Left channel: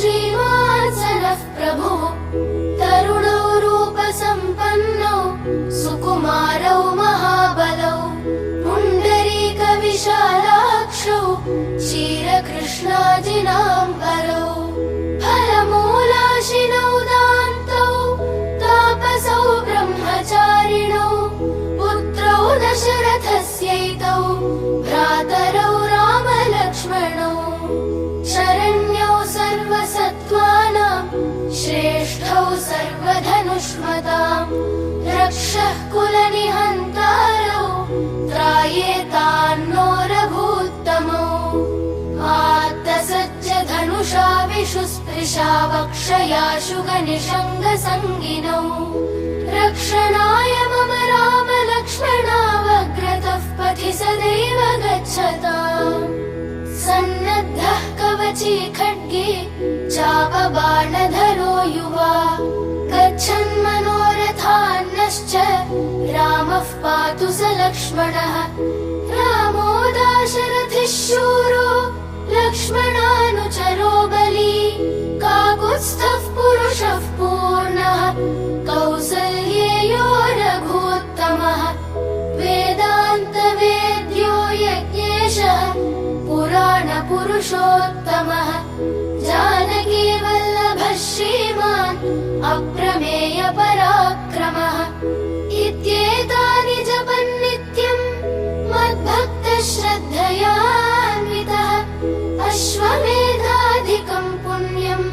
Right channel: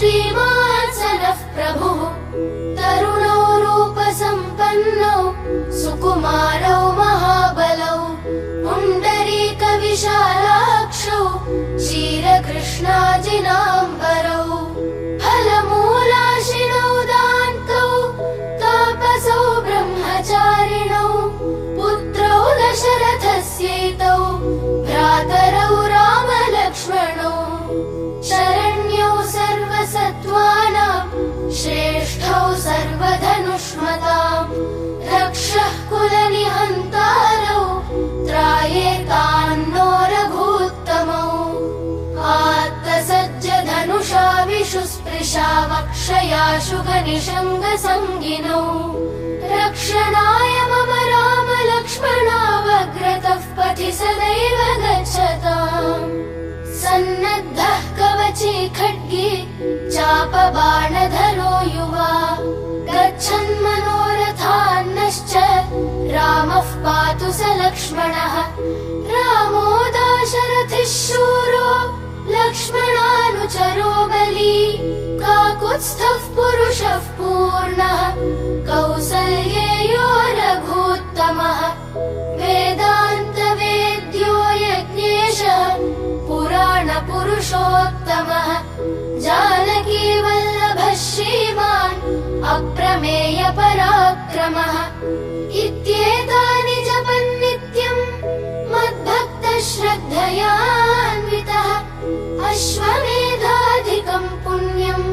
श्रीमान् सनः प्रभुः तरुणौ रूपसम्पन्नौ सुकुमारौ महाबलौ पुण्डरीकविशालाक्षौ क्षीरकृष्णाजिनाम्बरौ फलमूलाशिनौ दान्तौ तापसौ ब्रह्मचारिणौ पुत्रौ दशरथस्यैतौ भ्रातरौ रामलक्ष्मणौ शरण्यौ सर्वसत्त्वानां श्रेष्ठौ सर्वधनुष्मताम् रक्षः कुलनिहन्तारौ त्रायेतान्नो रघूत्तमौ आत्तसज्जधनुषा विशुस्पृशा वक्षयाशु गनिषङ्गसङ्गिनौ रक्षणाय मम रामलक्ष्मणावग्रतः पथि सदैव गच्छताम् सन्नद्धः कवची खड्गी चापबाणधरो युवा गच्छन्मनोरथान्नश्च रामः पातु स लक्ष्मणः रामो दाशरथिः शूरो लक्ष्मणानुचरो बली काकुत्स्थः पुरुषः पूर्णः कौसल्येयो रघूत्तमः वेदान्तवेद्यो यज्ञेशः पुराणपुरुषोत्तमः जानकी वल्लभः श्रीमान् अप्रमेय पराक्रमः इत्येतानि जपन्नित्यम् मद्भक्तः श्रद्धयान्वितः अश्वमेधाधिकम् पुण्यम्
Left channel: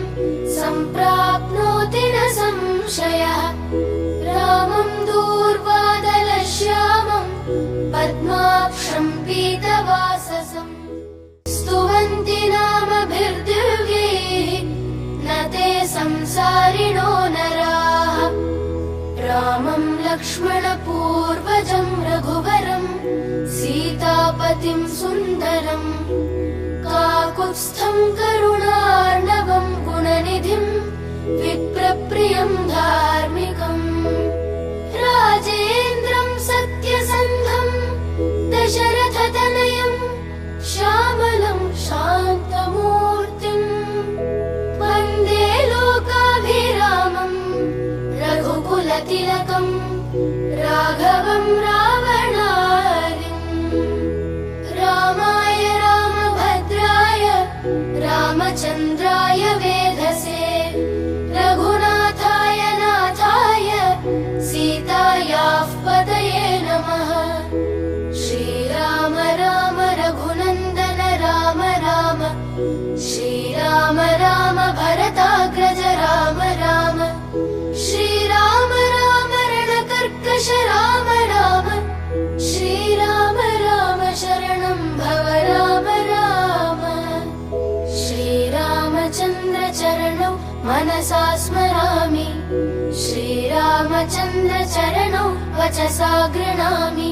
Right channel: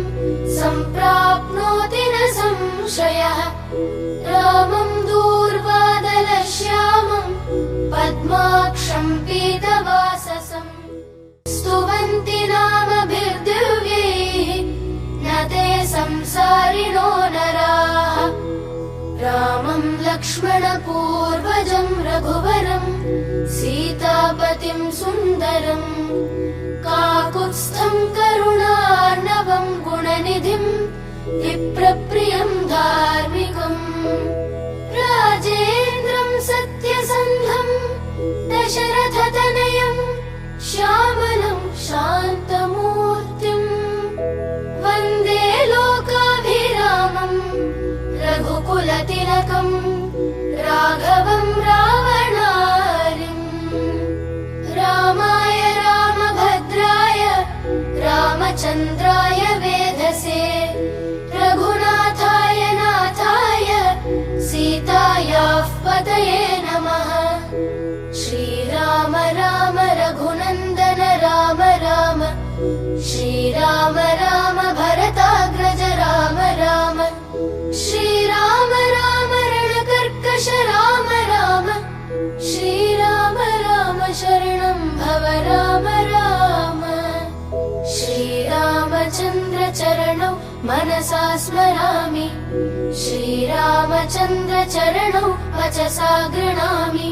सम्प्राप्नोति न संशयः रामम् दूर्वादलश्यामम् पद्माक्षम् पीतवाससम् स्तुवन्ति नामभिर्दिव्यैः न ते संसारिणो नराः रामम् लक्ष्मणपूर्वजम् रघुवरम् सीतापतिम् सुन्दरम् काकुत्स्थम् करुणार्णवम् गुणनिधिम् विप्रप्रियम् धार्मिकम् राजेन्द्रम् सत्यसन्धम् दशरथतनयम् श्यामलम् शान्तमूर्तिम् वन्दे लोकाभिरामम् रघुकुलतिलकम् राघवम् रावणारिम् रामाय रामभद्राय रामचन्द्राय वेधसे रघुनाथाय नाथाय सीतायाः पतये नमः श्रीराम राम रघुनन्दन राम राम श्रीराम राम भरताग्रज राम राम श्रीराम राम रणकर्कश राम राम श्रीराम राम शरणं भव राम राम श्रीरामचन्द्र चरणौ मनसा स्मरामि श्रीरामचन्द्र चरणौ वचसा गृह्णामि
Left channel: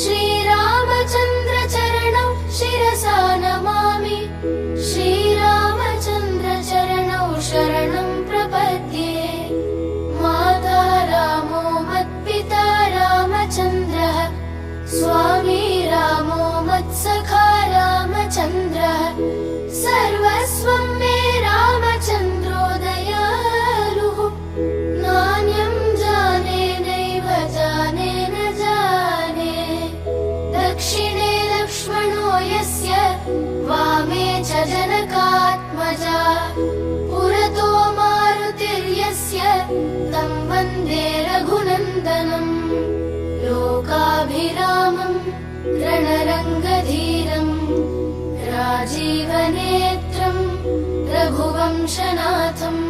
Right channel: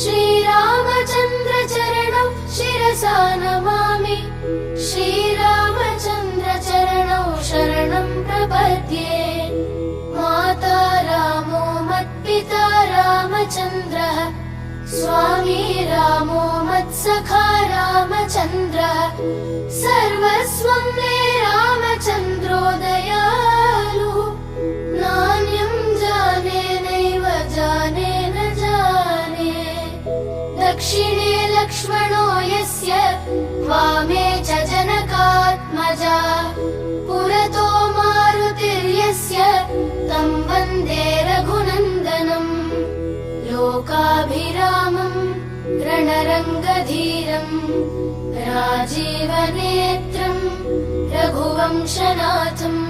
श्रीरामचन्द्र चरणौ शिरसा नमामि श्रीरामचन्द्र चरणौ शरणं प्रपद्ये माता रामो मत्पिता रामचन्द्रः स्वामी रामो मत्सखा रामचन्द्रः सर्वस्वं मे रामचन्द्रो दयालुः नान्यं जाने नैव जाने न जाने दक्षिणे लक्ष्मणो यस्य वामे च जनकात्मजा पुरतो मारुतिर्यस्य तं वन्दे रघुनन्दनम् लोकाभिरामम् रणरङ्गधीरम् राजीवनेत्रम् रघुवंशनाथम्